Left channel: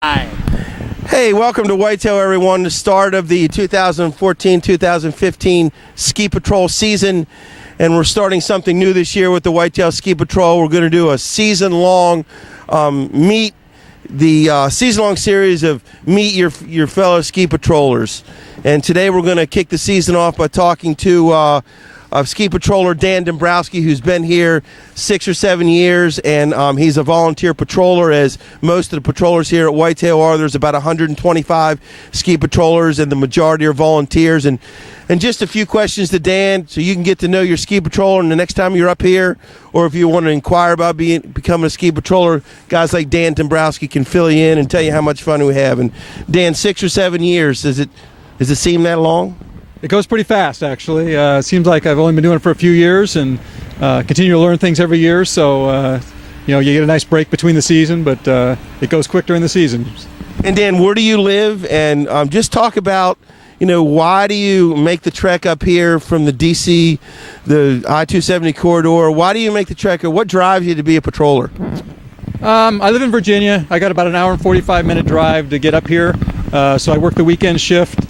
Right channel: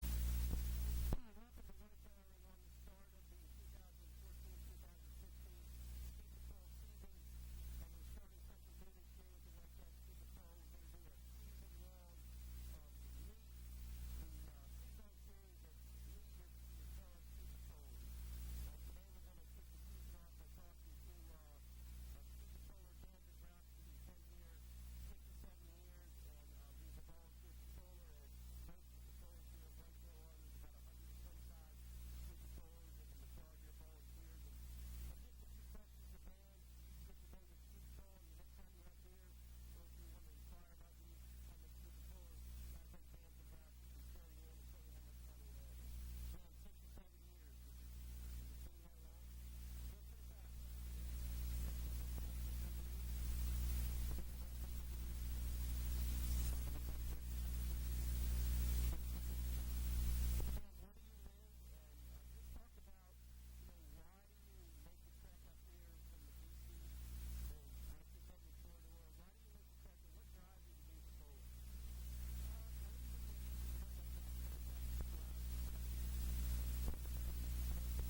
Hi. Hey, welcome to Whitetail, everyone. The start of the 2014-2015 Ski Patrol season, and we're starting something new this year with the Whitetail Ski Patrol. We're going to do a season-long season-long series of meet your fellow ski patrollers. And today we're going to kick the season off by talking to ski patroller Dan Dombrowski, who's been here 6 or 7 years, and he's a volunteer patroller, as most of the patrollers here at Whitetail are. There's about 125 ski patrollers, and the majority are volunteers. And just a few questions to Dan, so you can get to know your ski patroller, and the next time you're up here, or if you want to inquire about becoming a ski patroller, guys like Dan Dombrowski can fill you in and tell you how much fun we have. And Dan, 6 or 7 years, does it seem that long? It goes pretty fast, actually. It seems like I've only been doing it for a few years and continue to learn things every year. So, you get a nice break between the season, but it goes quick during the season. And Dan, where do you live? And just talk about, why do you make the trek up here from the DC, the I-270 corridor? Why do you make the trek? Or what drives you to be a patroller? I live in Virginia. I got about an hour and 45-minute drive to get up here. So I work the weekend shift.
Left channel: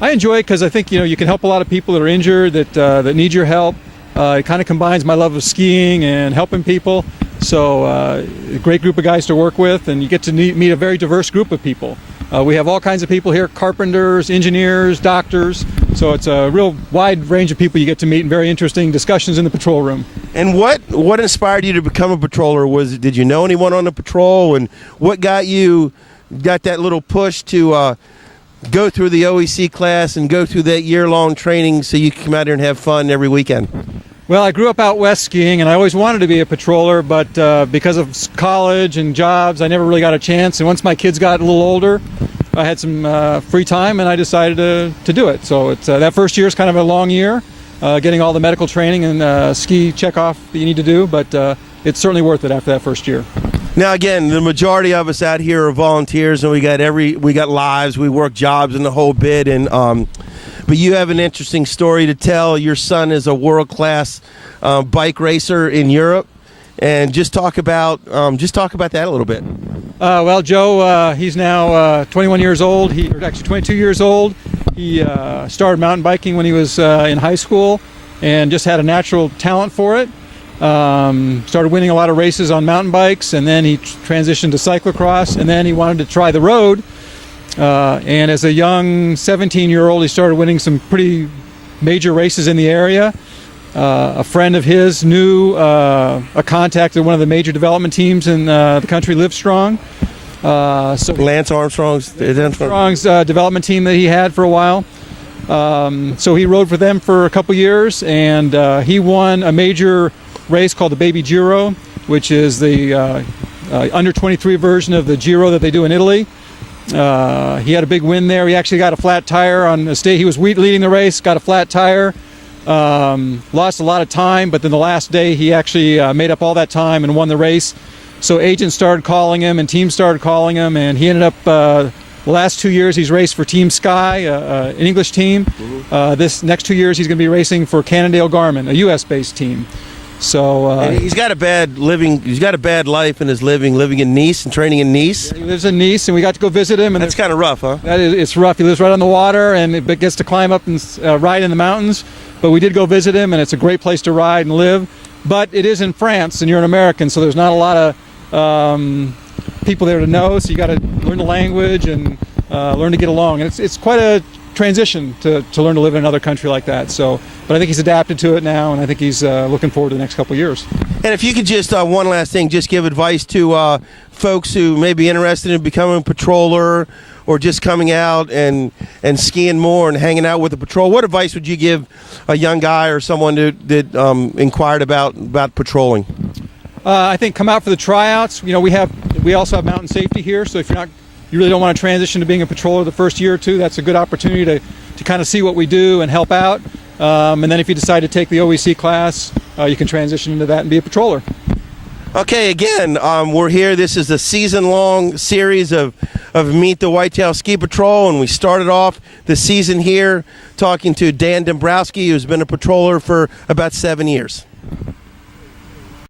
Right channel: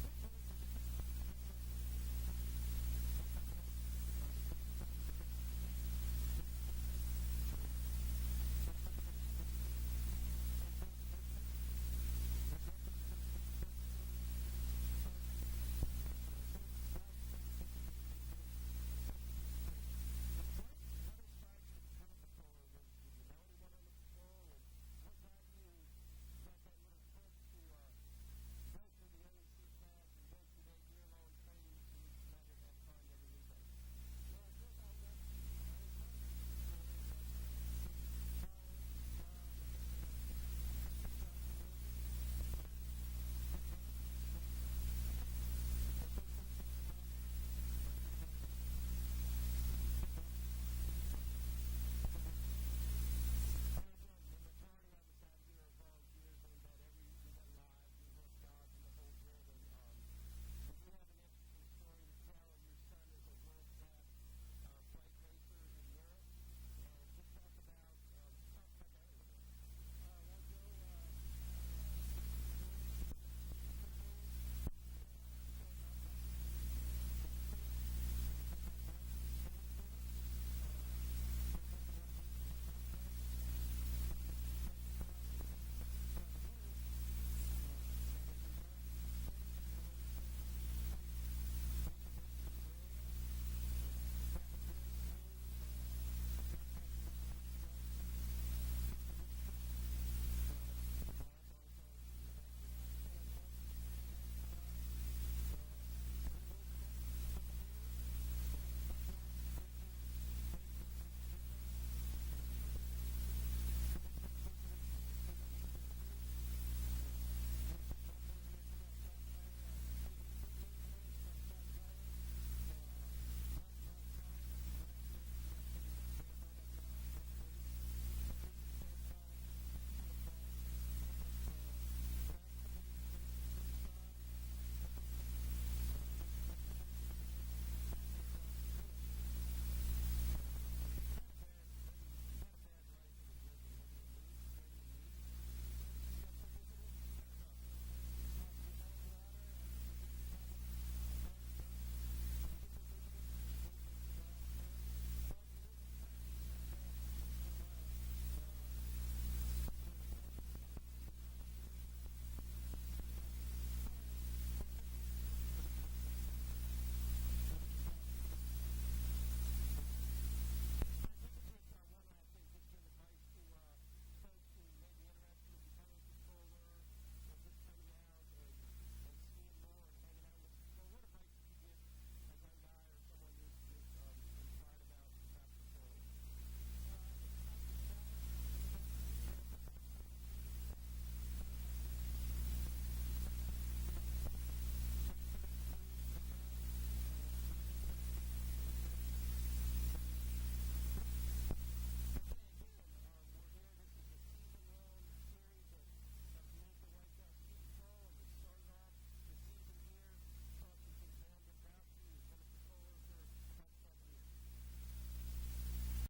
I enjoy it because I think you can help a lot of people that are injured, that need your help. It kind of combines my love of skiing and helping people. So a great group of guys to work with, and you get to meet a very diverse group of people. We have all kinds of people here: carpenters, engineers, doctors. So it's a real wide range of people you get to meet, and very interesting discussions in the patrol room. And what inspired you to become a patroller? Did you know anyone on the patrol, and what got that little push to go through the OEC class and go through that year-long training so you can come out here and have fun every weekend? Well, I grew up out west skiing, and I always wanted to be a patroller, but because of college and jobs, I never really got a chance. And once my kids got a little older, I had some free time, and I decided to do it. So it's that first year is kind of a long year, getting all the medical training and ski checkoff that you need to do, but it's certainly worth it after that first year. Now, again, the majority of us out here are volunteers, and we got lives, we work jobs and the whole bit. And but you have an interesting story to tell. Your son is a world-class bike racer in Europe, and just talk about that a little bit. Well, Joe, he's now 21 years old. Actually 22 years old. He started mountain biking when he was in high school, and just had a natural talent for it. Started winning a lot of races on mountain bikes, and then he transitioned to cyclocross, and then he wanted to try the road. And as a young 17-year-old, he started winning some pretty major races in the area. A friend of his knew a contact at one of the major development teams in the country, Livestrong. So Lance Armstrong's development team that he had for a while. So he rode for them for a couple years, and he won a major race called the Baby Giro, which is the under 23 version of the Giro that they do in Italy. He had a big win there. He actually got a flat tire on the stage. He was leading the race, got a flat tire, lost a lot of time, but then the last day he actually made up all that time and won the race. So agents started calling him and teams started calling him, and he ended up the last 2 years he's raced for Team Sky, an English team. This next 2 years he's going to be racing for Cannondale Garmin, a U.S.-based team. So and he's got a bad life in his living in Nice and training in Nice. He lives in Nice, and we got to go visit him. And that's kind of rough, huh? It's rough. He lives right on the water, and it gets to climb up and ride in the mountains. But we did go visit him, and it's a great place to ride and live. But it is in France, and you're an American, so there's not a lot of people there to know. So you got to learn the language and learn to get along. And it's quite a transition to learn to live in another country like that. So, but I think he's adapted to it now, and I think he's looking forward to the next couple of years. And if you could just one last thing, just give advice to folks who may be interested in becoming a patroller, or just coming out and skiing more and hanging out with the patrol. What advice would you give a young guy or someone that inquired about patrolling? I think come out for the tryouts. We also have mountain safety here, so if you really don't want to transition to being a patroller the first year or two, that's a good opportunity to kind of see what we do and help out. And then if you decide to take the OEC class, you can transition into that and be a patroller. Okay, again, we're here. This is a season-long series of Meet the Whitetail Ski Patrol, and we started off the season here talking to Dan Dombrowski, who's been a patroller for about 7 years.